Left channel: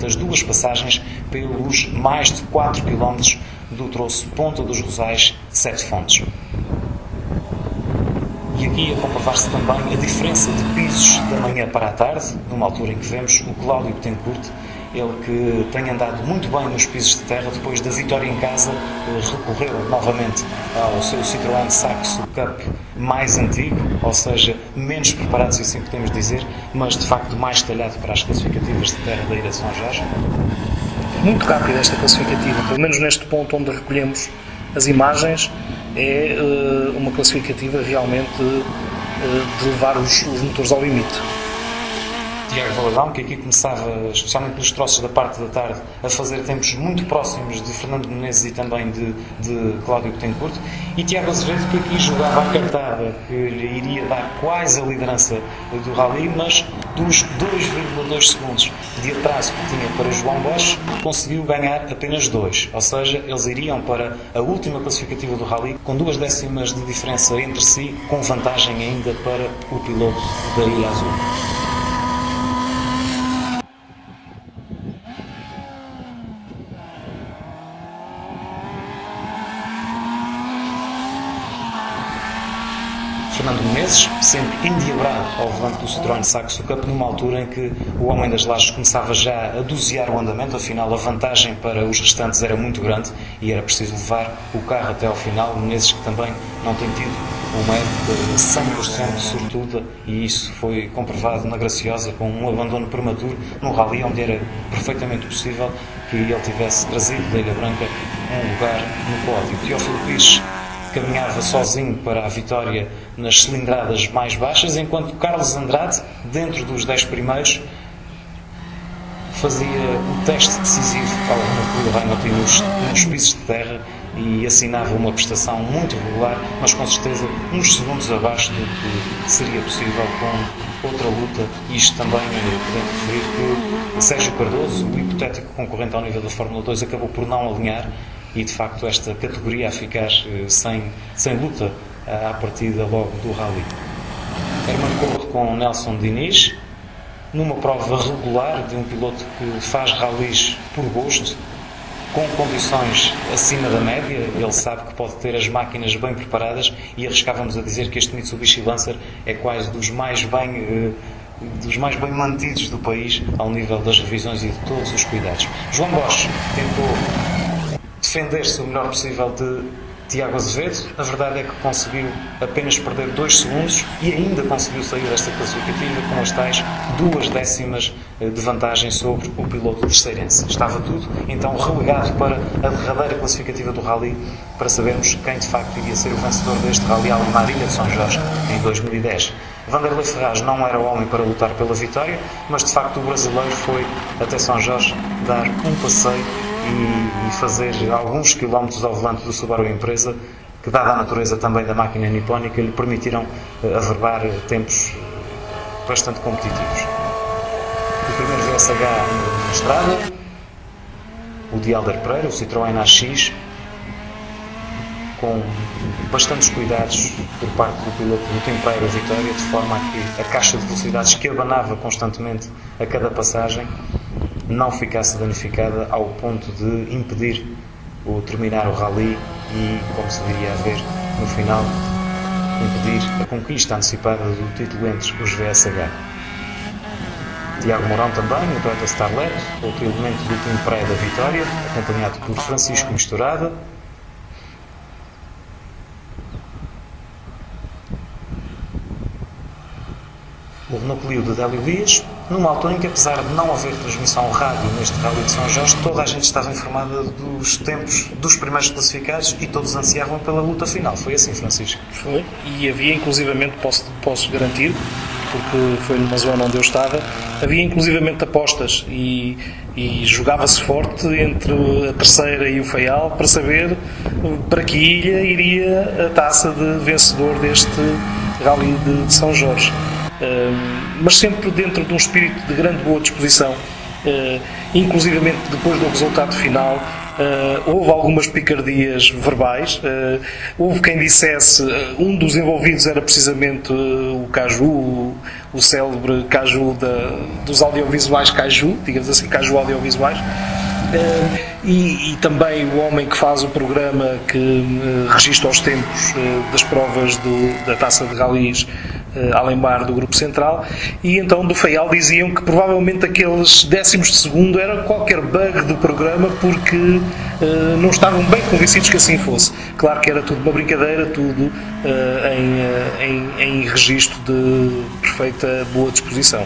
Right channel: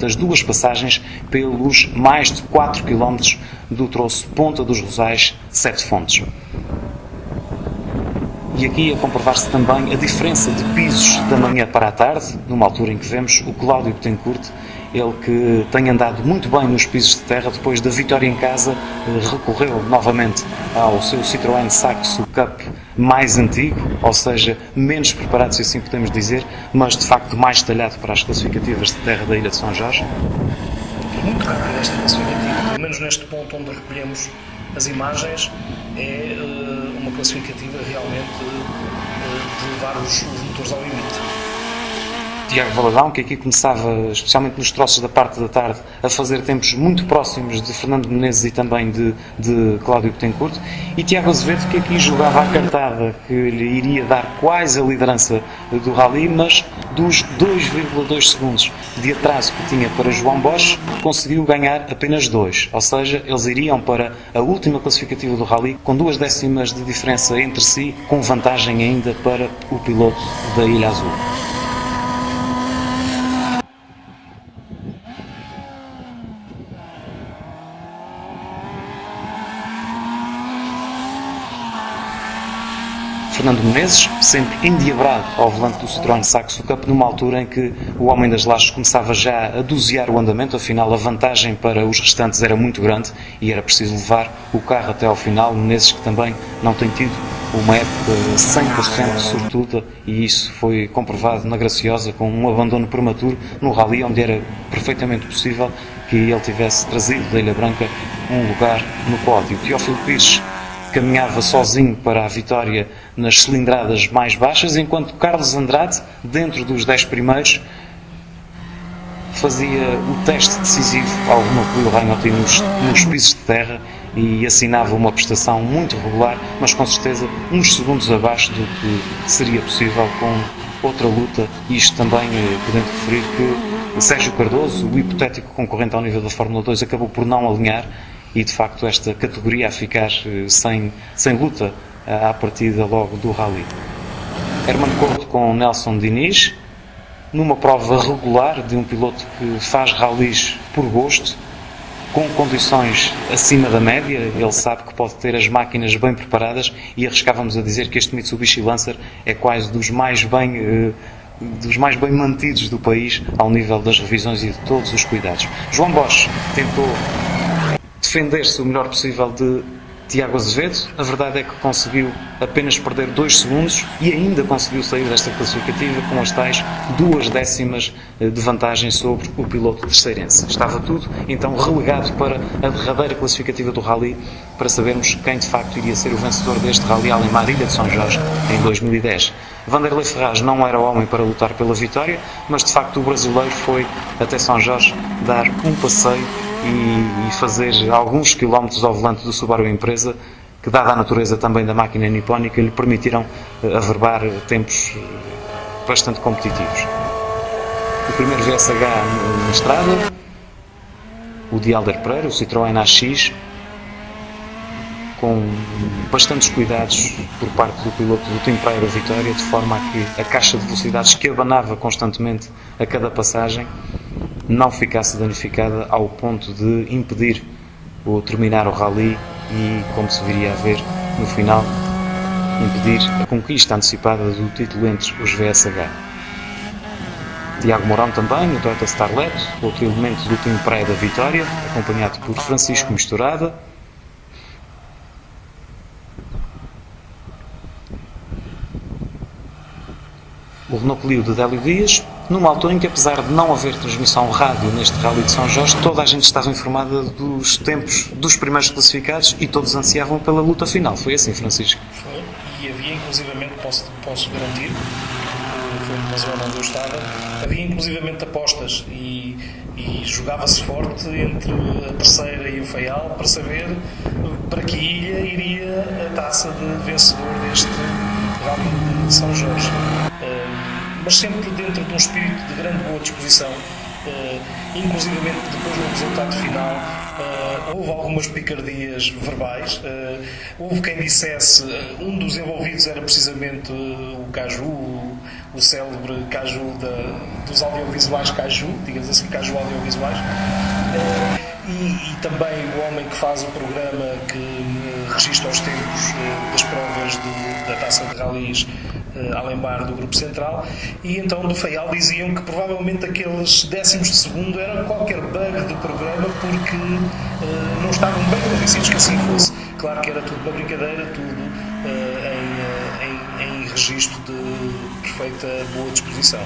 simultaneamente as duas passagens pelos mais de 4 km do troço Ponta dos Rosais, Sete Fontes. E aqui a comprovar-se também a diferença de pisos da manhã para a tarde, numa altura em que vemos o Cláudio Betancourt, ele que tem andado muito bem nos pisos de terra, depois da vitória em casa, recorreu novamente ao seu Citroën Saxo Cup mais antigo, ou seja, menos preparado, se assim podemos dizer, mas de facto mais talhado para as classificativas de terra da Ilha de São Jorge. Muito rápida esta classificativa, pelo menos neste ponto onde recolhemos as imagens, é uma classificativa realmente de levar os motores ao limite. Tiago Valadão, que aqui começava, especialmente nos troços da parte da tarde, a fazer tempos muito próximos de Fernando Menezes e também de Cláudio Betancourt, e Tiago Azevedo, que aqui jogava a cartada que lhe iria dar quase a liderança do Rally, mas dos 2,2 segundos de atraso que tinha para João Bosch, conseguiu ganhar apenas 2, ou seja, eles iriam para a última classificativa do Rally com 2 décimas de diferença entre si, com vantagem ainda para o piloto da Ilha Azul. Fernando Menezes, sempre endiabrado ao volante do Citroën Saxo Cup, numa altura em que o homem das lajes começava já a dosear o andamento, afinal a vantagem para os restantes era muito grande e era preciso levar o carro até ao final. Menezes, que também não tem tido uma época 100% sortuda, e isso foi comprovado na Graciosa com um abandono prematuro no Rally, onde era perfeitamente possível que ele tivesse trazido da Ilha Branca um lugar no pódio. Teófilo Pires caminhava sozinho para a vitória nas cilindradas mais baixas, enquanto Carlos Andrade, dentro dos 10 primeiros, fazia o teste decisivo ao Renault Clio nos pisos de terra e assinava uma prestação muito regular, mas com certeza uns segundos abaixo do que seria possível com outra luta. E isto também podemos referir que Sérgio Cardoso, o hipotético concorrente ao nível da Fórmula 2, acabou por não alinhar, e de facto esta categoria a ficar sem luta à partida logo do Rally. Hermano Couto com Nelson Diniz, numa prova regular de um piloto que faz rallies por gosto, com condições acima da média. Ele sabe que pode ter as máquinas bem preparadas, e arriscávamos a dizer que este Mitsubishi Lancer é quase dos mais bem mantidos do país ao nível das revisões e de todos os cuidados. João Bosch tentou defender-se o melhor possível de Tiago Azevedo. A verdade é que conseguiu apenas perder 2 segundos e ainda conseguiu sair desta classificativa com as tais 2 décimas de vantagem sobre o piloto terceirense. Estava tudo então relegado para a derradeira classificativa do Rally, para sabermos quem de facto iria ser o vencedor deste Rally Alemar Ilha de São Jorge em 2010. Vanderlei Ferraz não era homem para lutar pela vitória, mas de facto o brasileiro foi até São Jorge dar um passeio e fazer alguns quilómetros ao volante do Subaru Impreza, que, dada a natureza também da máquina nipónica, lhe permitiram averbar tempos bastante competitivos. O primeiro VSH na estrada, o de Alder Pereira, o Citroën AX, com bastantes cuidados por parte do piloto do Team Praia Vitória, de forma a que a caixa de velocidades, que abanava constantemente a cada passagem, não ficasse danificada ao ponto de impedir o terminar o Rally e, como se viria a ver no final, impedir a conquista antecipada do título entre os VSH. Tiago Mourão também, no Toyota Starlet, outro elemento do Team Praia da Vitória, acompanhado por Francisco Misturada. O Renault Clio de Délio Dias, numa altura em que, apesar de não haver transmissão rádio neste Rally de São Jorge, toda a gente estava informada dos tempos dos primeiros classificados e todos ansiavam pela luta final. Foi assim, Francisco? Foi, e havia inclusivamente, posso garantir, porque foi numa zona onde eu estava, havia inclusivamente apostas e jogava-se forte entre a terceira e o Faial para saber para que ilha iria a taça de vencedor deste Rally de São Jorge. Mas sempre dentro de um espírito de grande boa disposição inclusivamente depois do resultado final. Houve algumas picardias verbais. Houve quem dissesse um dos envolvidos era precisamente o Caju, o célebre Caju dos audiovisuais Caju, digamos assim, Caju audiovisuais. E também o homem que faz o programa que registra os tempos das provas da Taça de Rallys Alemar do Grupo Central, e então do Faial diziam que provavelmente aqueles décimos de segundo era qualquer bug do programa, porque não estavam bem convencidos que assim fosse. Claro que era tudo uma brincadeira, tudo em registro de perfeita boa disposição.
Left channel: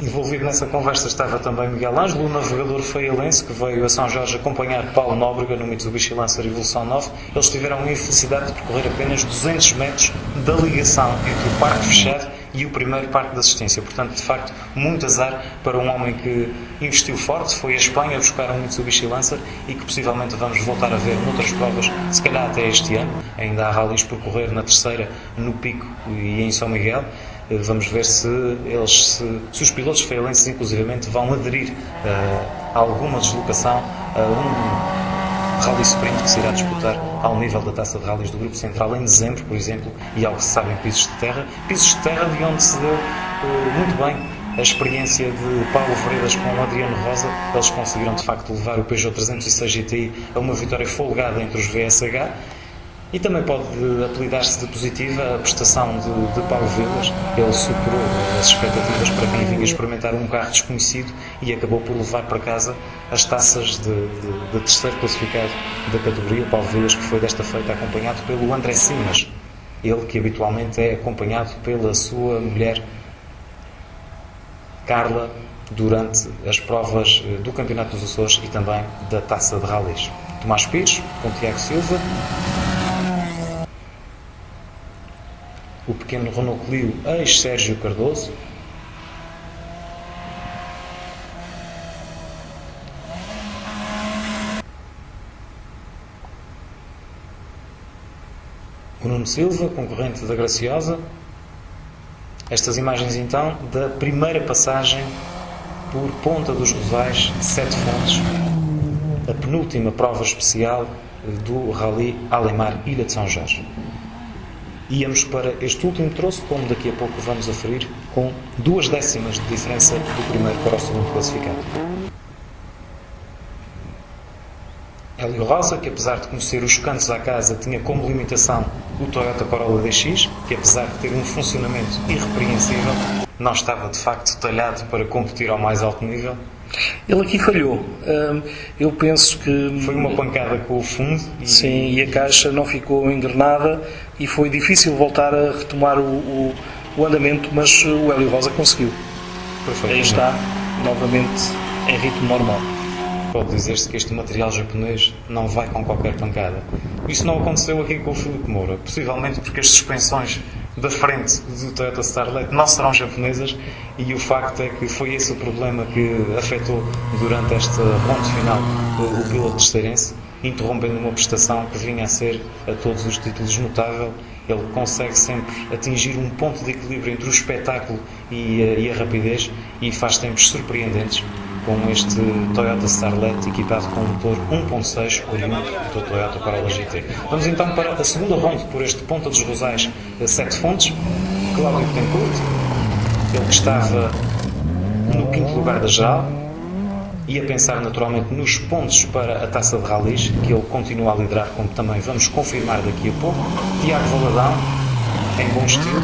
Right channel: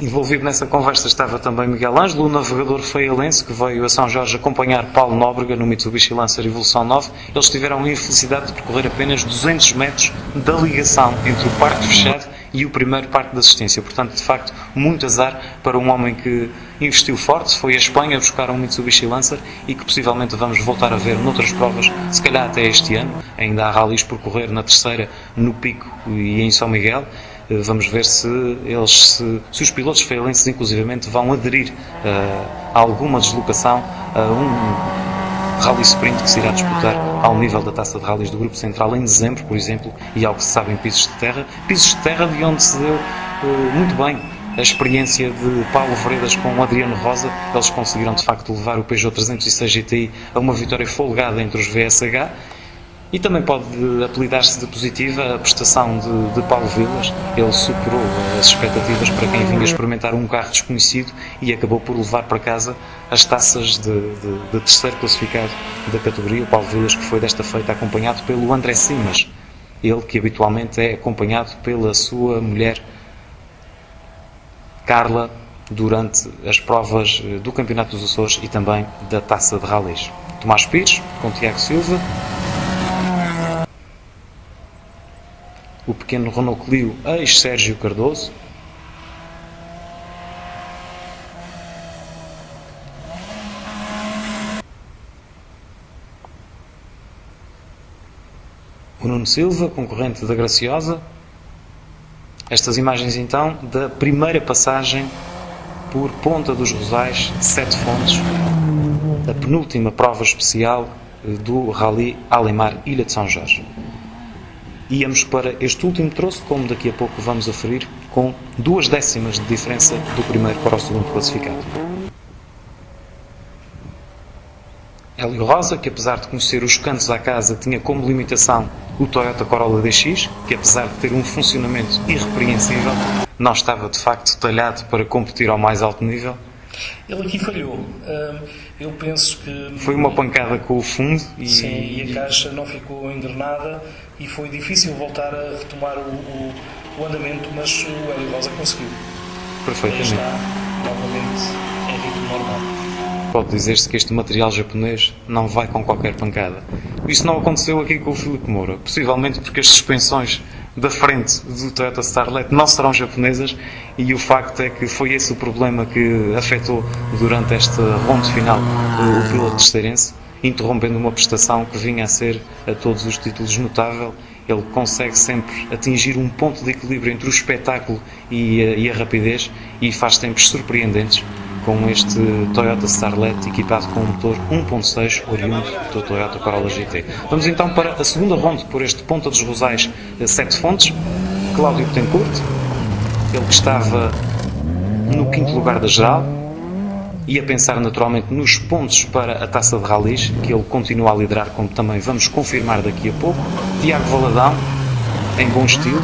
Envolvido nessa conversa estava também Miguel Ângelo, o navegador faialense que veio a São Jorge acompanhar Paulo Nóbrega no Mitsubishi Lancer Evolução 9. Eles tiveram a infelicidade de percorrer apenas 200 metros da ligação entre o parque fechado e o primeiro parque de assistência. Portanto, de facto, muito azar para um homem que investiu forte, foi à Espanha buscar um Mitsubishi Lancer e que possivelmente vamos voltar a ver noutras provas, se calhar até este ano. Ainda há rallies por correr na terceira, no Pico e em São Miguel. Vamos ver se os pilotos faialenses inclusivamente vão aderir a alguma deslocação a um rally sprint que se irá disputar ao nível da Taça de Rallys do Grupo Central em dezembro, por exemplo, e ao que se sabe em pisos de terra de onde se deu muito bem a experiência de Paulo Veredas com o Adriano Rosa. Eles conseguiram de facto levar o Peugeot 306 GTI a uma vitória folgada entre os VSH. E também pode apelidar-se de positiva a prestação de Paulo Vilas. Ele superou as expectativas para quem vinha experimentar um carro desconhecido e acabou por levar para casa as taças de terceiro classificado da categoria. O Paulo Vilas, que foi desta feita acompanhado pelo André Simas, ele que habitualmente é acompanhado pela sua mulher Carla durante as provas do Campeonato dos Açores e também da Taça de Rallys. Tomás Pires com Tiago Silva, o pequeno Renault Clio ex-Sérgio Cardoso, o Nuno Silva, concorrente da Graciosa. Estas imagens então da primeira passagem por Ponta dos Rosais, Sete Fontes, a penúltima prova especial do Rally Alemar Ilha de São Jorge. Íamos para este último troço, como daqui a pouco vamos aferir, com 2 décimas de diferença do primeiro para o segundo classificado. Hélio Rosa, que apesar de conhecer os cantos à casa, tinha como limitação o Toyota Corolla DX, que apesar de ter um funcionamento irrepreensível, não estava de facto talhado para competir ao mais alto nível. Ele aqui falhou. Eu penso que... Foi uma pancada com o fundo. Sim, e a caixa não ficou engrenada e foi difícil voltar a retomar o andamento, mas o Hélio Rosa conseguiu. Aí está, novamente, em ritmo normal. Pode dizer-se que este material japonês não vai com qualquer pancada. Isso não aconteceu aqui com o Filipe Moura, possivelmente porque as suspensões da frente do Toyota Starlet não serão japonesas, e o facto é que foi esse o problema que afetou durante esta ronda final o piloto terceirense, interrompendo uma prestação que vinha a ser a todos os títulos notável. Ele consegue sempre atingir um ponto de equilíbrio entre o espetáculo e a rapidez, e faz tempos surpreendentes com este Toyota Starlet equipado com um motor 1.6 oriundo do Toyota Corolla GT. Vamos então para a segunda ronda por este Ponta dos Rosais, Sete Fontes. Cláudio Betancourt, ele que estava no 5º lugar da geral e a pensar naturalmente nos pontos para a Taça de Rallys, que ele continua a liderar, como também vamos confirmar daqui a pouco. Tiago Valadão, em bom estilo,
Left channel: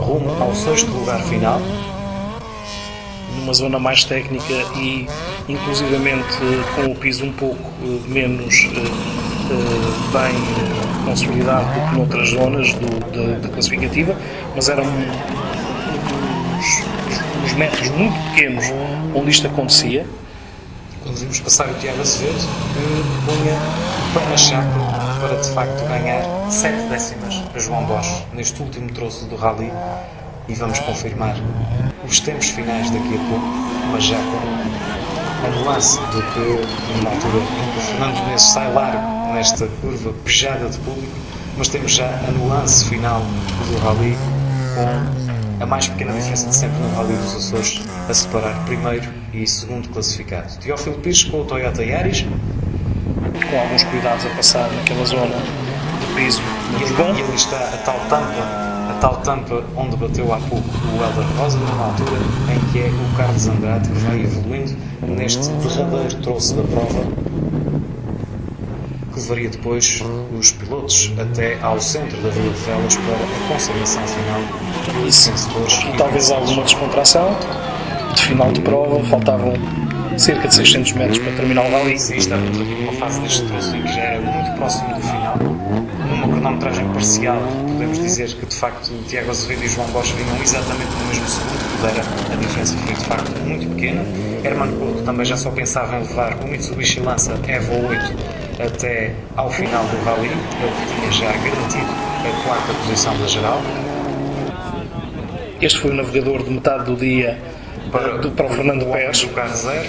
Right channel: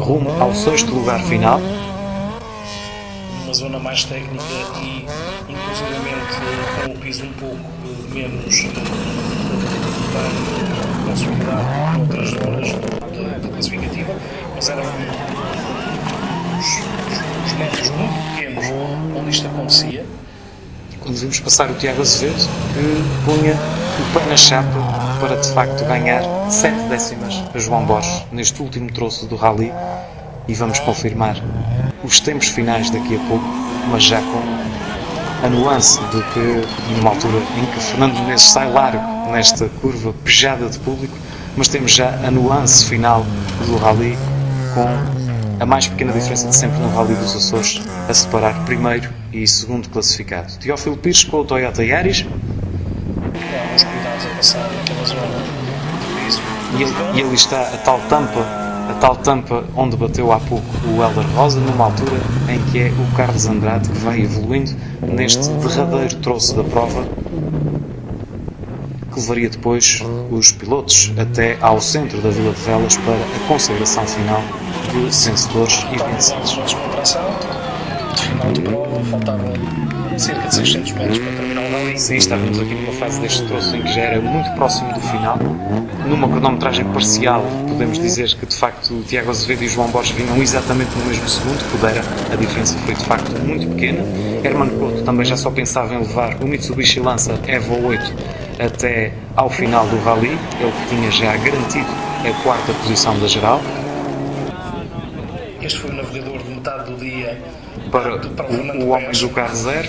rumo ao 6º lugar final, numa zona mais técnica e inclusivamente com o piso um pouco menos bem consolidado do que noutras zonas da classificativa, mas eram uns metros muito pequenos onde isto acontecia. Conseguimos passar o Tiago Azevedo, que punha o pé na chapa para de facto ganhar 7 décimas a João Borges neste último troço do rally, e vamos confirmar os tempos finais daqui a pouco, mas já com a nuance de que numa altura em que Fernando Menezes sai largo nesta curva pejada de público, mas temos já a nuance final do rally com a mais pequena diferença de sempre no Rally dos Açores, a separar primeiro e segundo classificado. Teófilo Pires com o Toyota Yaris, com alguns cuidados a passar naquela zona de piso e urbano. ali está a tal tampa onde bateu há pouco o Helder Rosa, numa altura em que é o Carlos Andrade que vem evoluindo neste verdadeiro troço da prova, que levaria depois os pilotos até ao centro da Vila de Velas para a consagração final dos vencedores. Talvez alguma descontração de final de prova, faltavam cerca de 600 metros para terminar o rally. E estávamos aqui numa fase deste troço em que já era muito próximo do final. Numa cronometragem parcial, podemos dizer que de facto o Tiago Azevedo e o João Bosch vinham exatamente no mesmo segundo, pudera, a diferença foi de facto muito pequena. Hermano Couto também já só pensava em levar o Mitsubishi Lancer Evo 8 até ao final do rally, ele tinha já garantido a quarta posição da geral. Este foi o navegador de metade do dia para o Fernando o homem Pérez. do carro zero.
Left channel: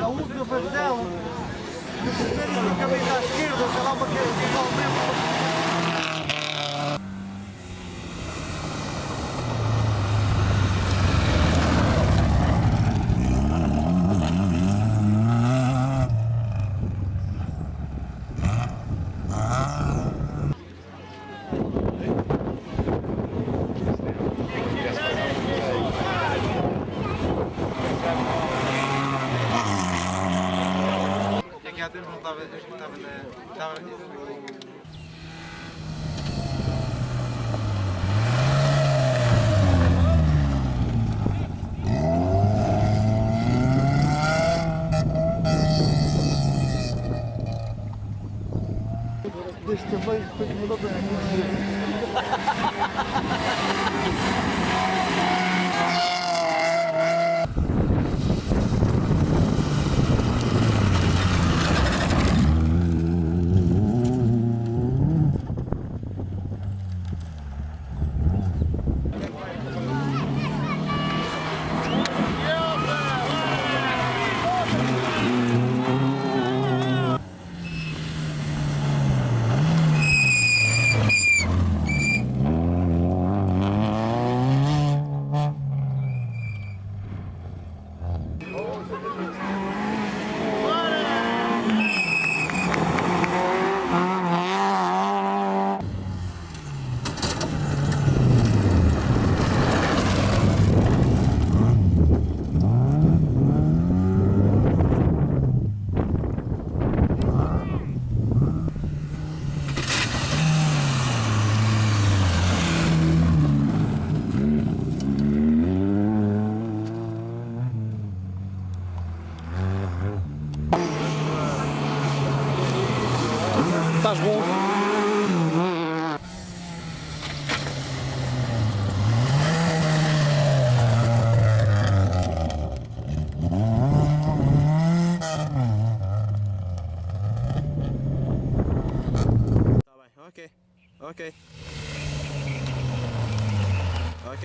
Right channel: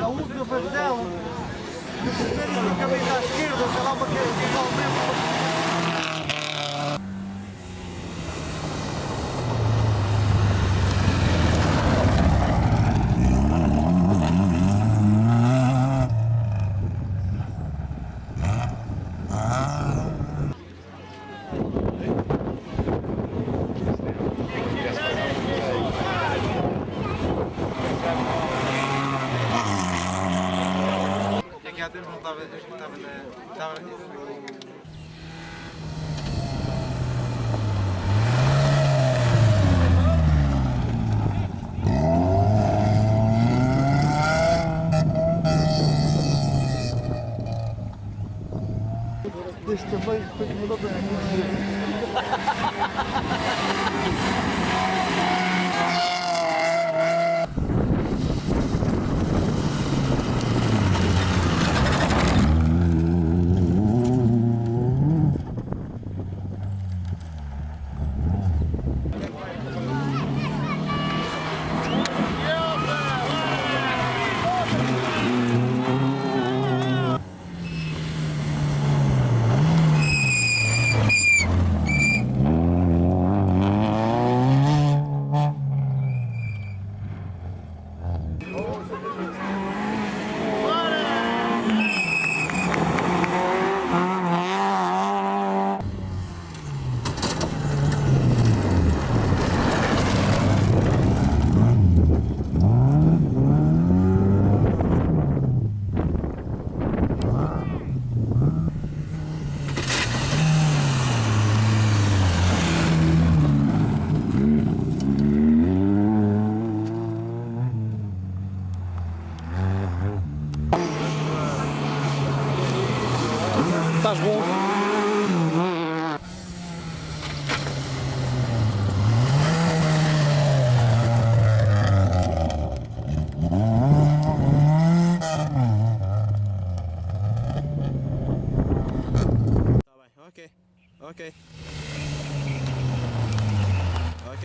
A última vez dela, no primeiro acabei à esquerda, lá uma que é igualmente. Aqui há tempo não estava deste tamanho, depois mudou para Ok.